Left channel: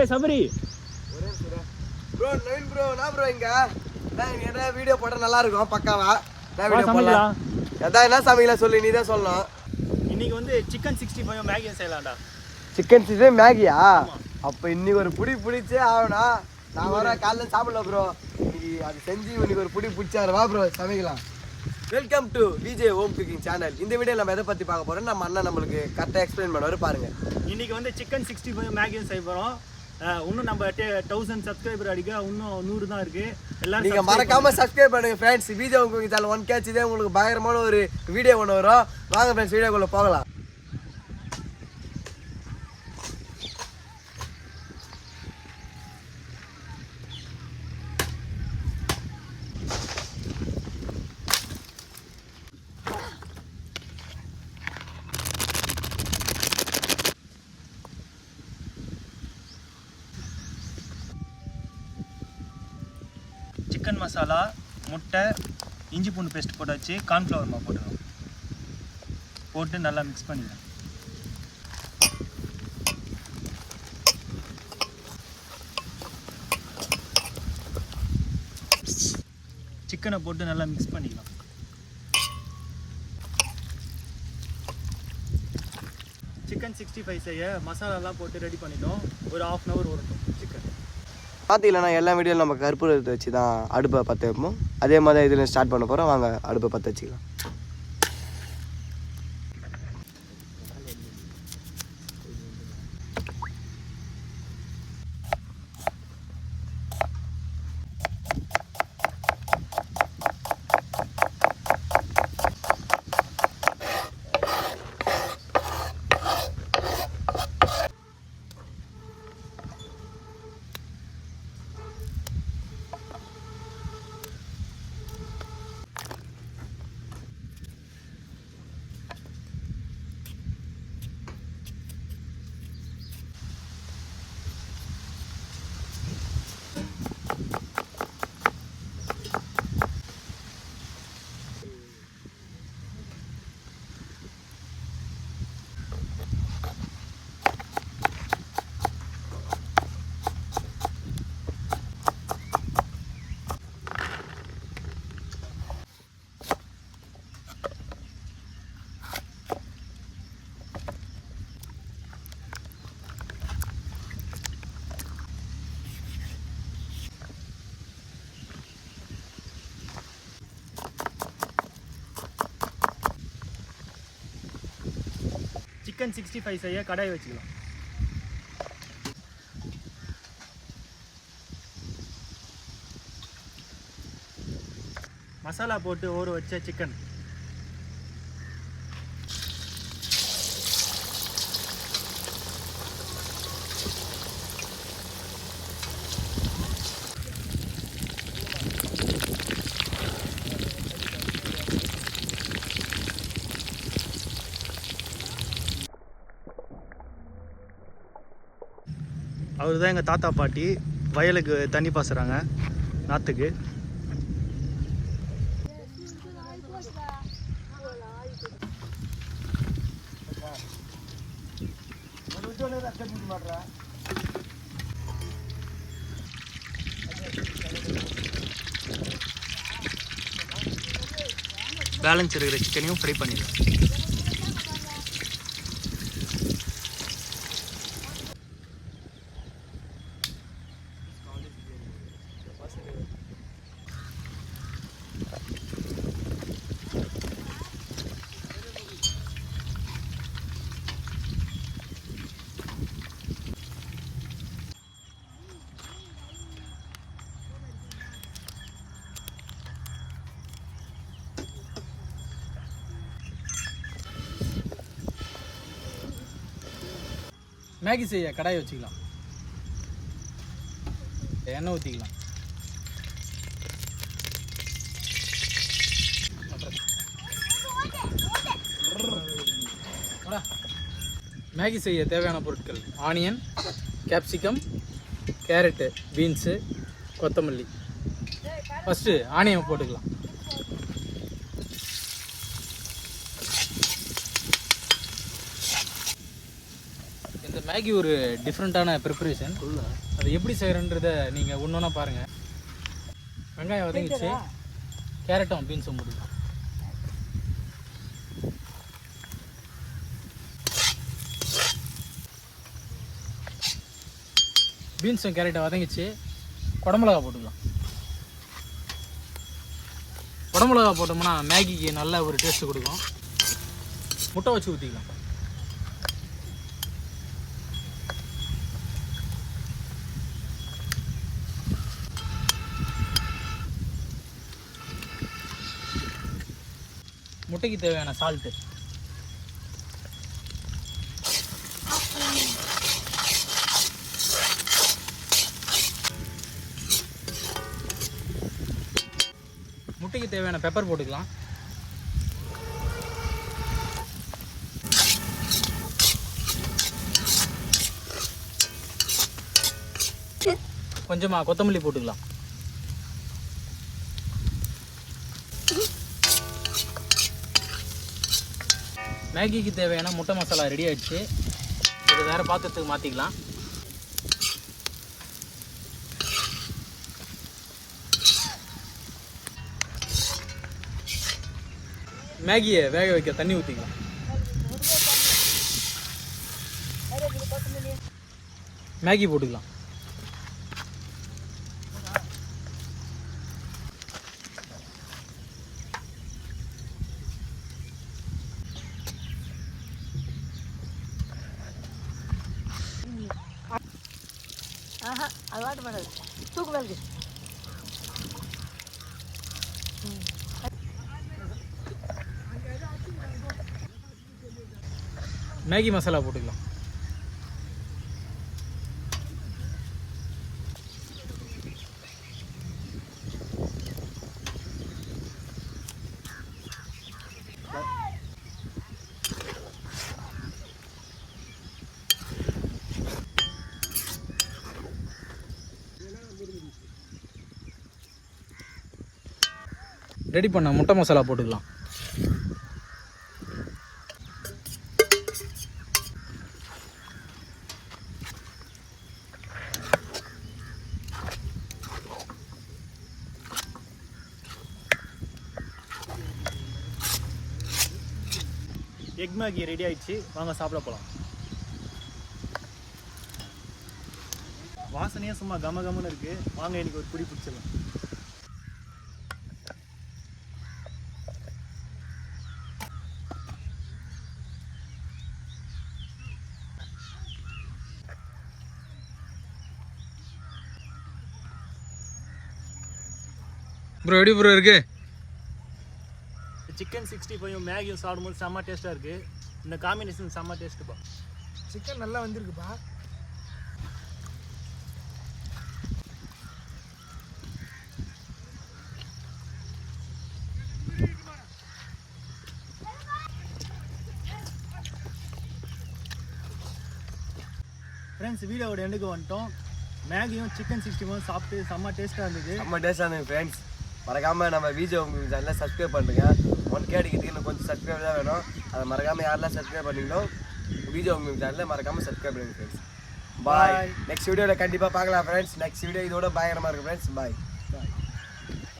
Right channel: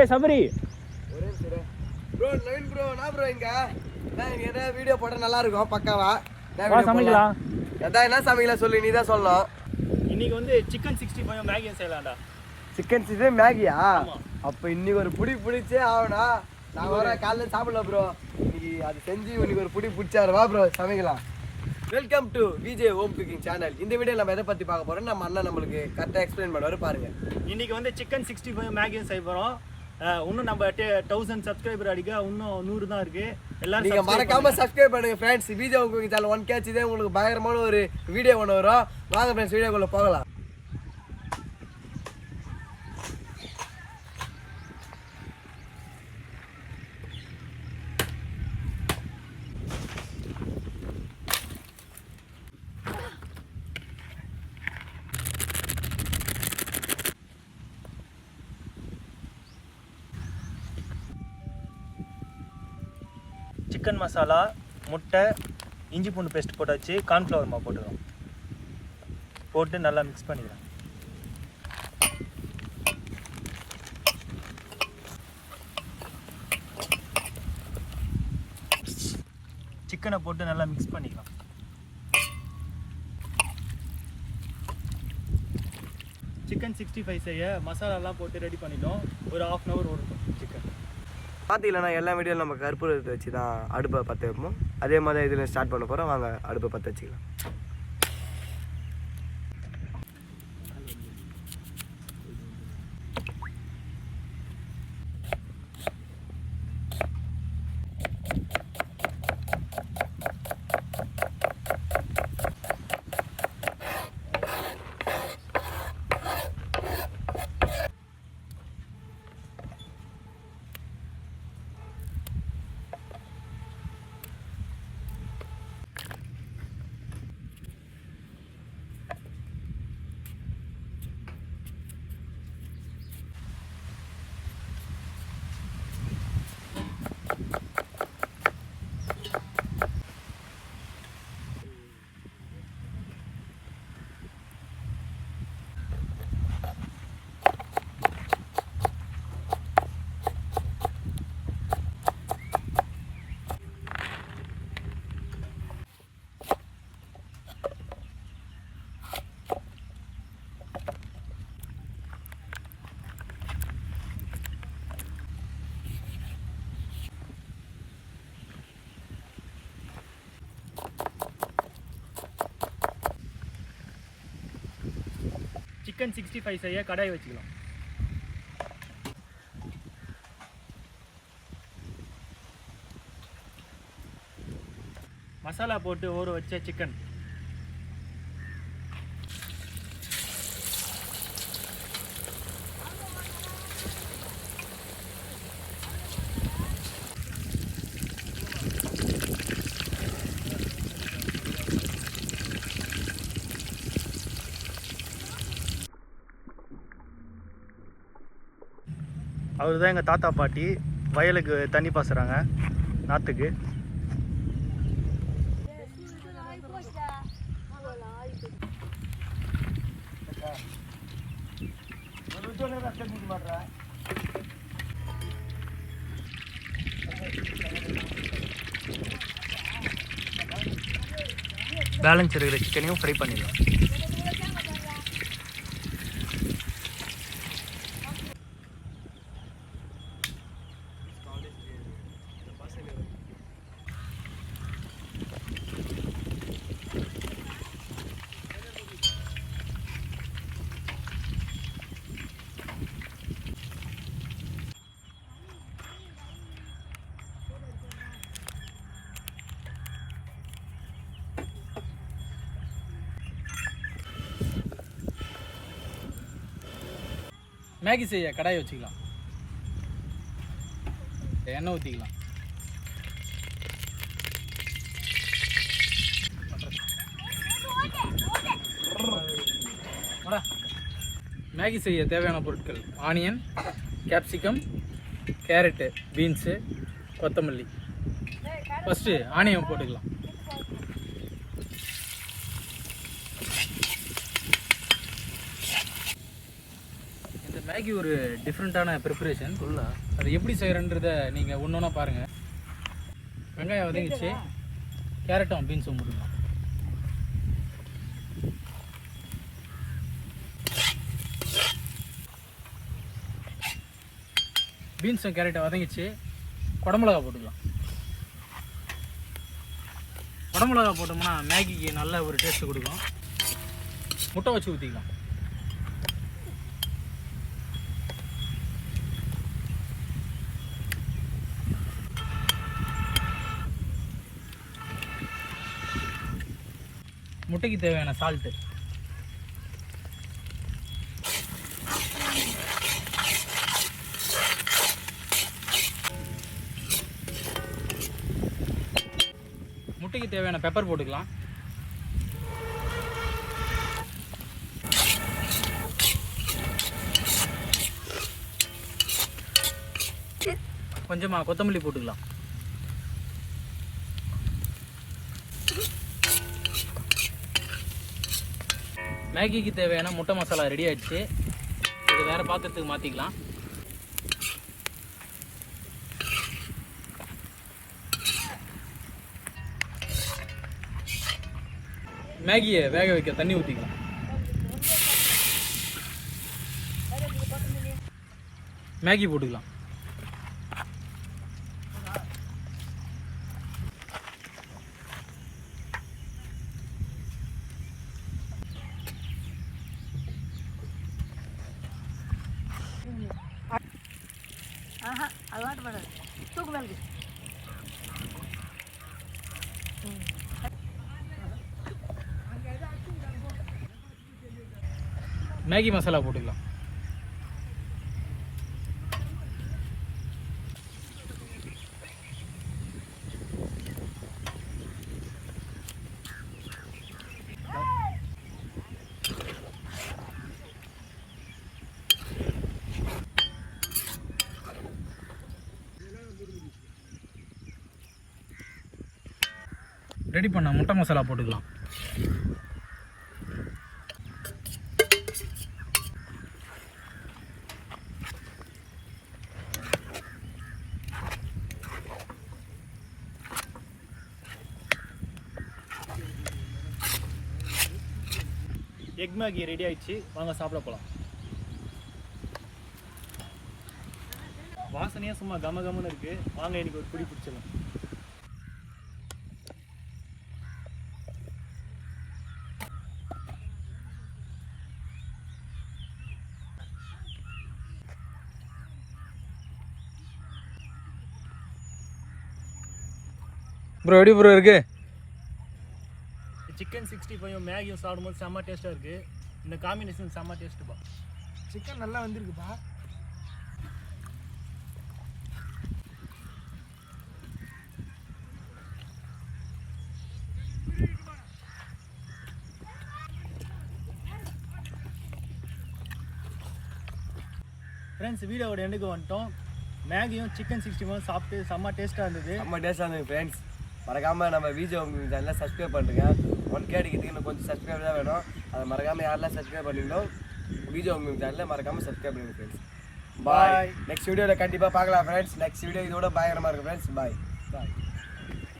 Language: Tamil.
ஏய் சபரி ஒரே நிமிஷம் ப்ரோ. நவீன் ப்ரோ நான் ப்ரோ இங்க நான் என்ன வீடியோ போட்டா நல்லா இருக்கும் பக்காவா. நான் வீடியோ போடலாம். அதான் என்ன சமைக்கலாம் சொல்லு, நீ தான் சொல்லணும். இன்னைக்கு வந்து சிக்கன் 65 மேகி செய்யலாம்டா. சிக்கன் 65 மேகியா? அப்ப இன்னைக்கு ஒரு புடி பிடிச்சே ஆகணும். நான் வர காலைல சாப்பிடல ப்ரோ. இன்னைக்கு அது செஞ்சு இன்னைக்கு ஒரு புடி பிடிச்சாரு. வா ப்ரோ சமைக்கலாம். Welcome to Vijay home cooking channel. இந்த வீடியோ நம்ம எதை பற்றி பார்க்க போகிறோம், நம்ம அண்ணன் நம்மளுக்கு கரெக்டாக எக்ஸ்பிளைன் பண்ணுவார் பாருங்க. இன்னைக்கு வந்து சிக்கன் 65 மேகியும் செய்ய போகிறோம். இன்னும் நம்ம 1000 சப்ஸ்கிரைபர் அடிக்க இன்னும் 100 தான் இருக்கு. எல்லாரும் நீங்கள் மறக்காம சப்ஸ்கிரைப் பண்ணுங்க friends. Vijay home cooking channel 1K இதே உங்களுக்கு பயங்கரமான ஒரு வீடியோ ஒன்று வரும். வாங்க ஃப்ரெண்ட்ஸ் வீடியோக்குள்ளே போகலாம். சிக்கன் மசாலா, முட்டை, இஞ்சி பூண்டு பேஸ்ட் போட்டாச்சு. கார்ன்ஃப்ளவர் மாவு போட்டுருவோம். போட்டு நல்லா மிக்ஸ் பண்ணிடுவோம். சிக்கனை போட்டு நல்லா மிக்ஸ் பண்ணிக்கலாம். சிக்கன் 65 செய்ய மசாலாலாம் போட்டு ரெடி பண்ணிட்டோம். ஒரு 1/2 hour ஓடட்டும் சிக்கன். பார்த்தீங்கன்னா எல்லா வீடியோவில் நம்ம கற்பூரத்தை வச்சு தான் அடுப்பை பற்ற வைப்போம். அதே மாதிரி இதில் ஸ்டார்ட் பண்ண போகிறோம். வாங்க அடுப்பை பற்ற வச்சுக்கலாம். சிக்கன் 65 செய்ய கடாய் வச்சுக்கலாம். மசாலா போட்டு ஊற வச்ச சிக்கன் அவர் தான் எங்கள் தாத்தா பாட்டி வயலுக்கு தண்ணி பாசுகிறாங்க நாற்றுக்கு. பேலன்ஸ் இருக்கிற சிக்கனையும் ஃப்ரை பண்ணிடலாம். மேகி செய்ய கடாய் வச்சுக்கலாம். எண்ணெய் ஊற்றிக்கலாம். மேகி செய்ய தேவையான பொருட்கள்: ஆனியன், கேப்சிகம், கேரட்டு, பீன்ஸு, கொத்தமல்லி. ஃபஸ்ட்டு ஆனியன் போட்டுக்கலாம். மேகி ஒரு டிஃப்ரெண்ட்டான ப்ரிப்பரேஷன். அது எப்படி செய்கிறன்றதை நீங்கள் ஒன்று ஒன்றா பாருங்கள். வெங்காயம் வதங்கிச்சு, கேரட்டும் பீன்ஸும் முடியும். பீன்ஸும் கேரட்டும் வதங்கிச்சு, குடமிளகா போட்டுக்கலாம். குடமிளகா போட்டோம்னா மேகிக்கு நல்ல ஒரு டேஸ்ட்டு கொடுக்கும். முட்டை வச்சு ஊற்றிக்கலாம். முட்டைக்கு தேவையான சால்ட்டு, முட்டைக்கு தேவையான பெப்பர் போட்டுக்கலாம். கொஞ்சமாக கொத்தமல்லி போட்டுக்கலாம். மேகிக்கு தேவையான முட்டை மசாலா ரெடி ஆயிடுச்சு. இது வேறு பாத்திரத்துக்கு மாற்றிக்கலாம். மேகியை வேக வைக்க தண்ணி ஊற்றிக்கலாம். மேகி போட்டுக்கலாம். மேகி மசாலா போட்டுக்கலாம். ரெடி பண்ண முட்டை மசாலா போட்டுக்கலாம். எக் மேகி ரெடி ஆயிடுச்சு, வாங்க சாப்பிட போகலாம். வாசனையாக சும்மா கம கமன்னு இருக்கு. வாங்க எனக்கு ஒரு பிடி பிடிச்சிடலாம். ப்ரோ எப்படி ப்ரோ இருக்கு? சிக்கன் 65 மேகியும் சாப்பிடும்போது செம்ம டேஸ்ட்டாக இருக்குது. இந்த காம்பினேஷன் செம்ம டேஸ்ட்டுப்பா. சிக்கன் நல்லா வந்திருக்குப்பா. ஃப்ரெண்ட்ஸ், வீடியோவோட எண்டுக்கு வந்துட்டோம். மேகியும் சிக்கன் 65 சாப்பிட்டு செம்ம டேஸ்ட்டாக இருந்தது. செம்ம டேஸ்ட்டாக இருந்தது ஃப்ரெண்ட்ஸ். மறக்காமல் நம்ம விஜே ஹோம் சேனலை சப்ஸ்கிரைப் பண்ணுறேங்க. 1K அடிக்கிறதுக்கு இன்னும் கொஞ்சம் சப்ஸ்கிரைப் தான் வேணும். அதை மறக்காமல் யாரெல்லாம் சப்ஸ்கிரைப் பண்ணீங்களோ விஜே ஹோம் சேனலை மறக்காமல் சப்ஸ்கிரைப் பண்ணுங்க ஃப்ரெண்ட்ஸ். பாய். நெக்ஸ்ட் வீடியோவில் கண்டிப்பாக பார்க்கலாம் ஃப்ரெண்ட்ஸ். நெக்ஸ்ட் வீடியோ இதோட பயங்கரமாக இருக்குது ஃப்ரெண்ட்ஸ். பாய்.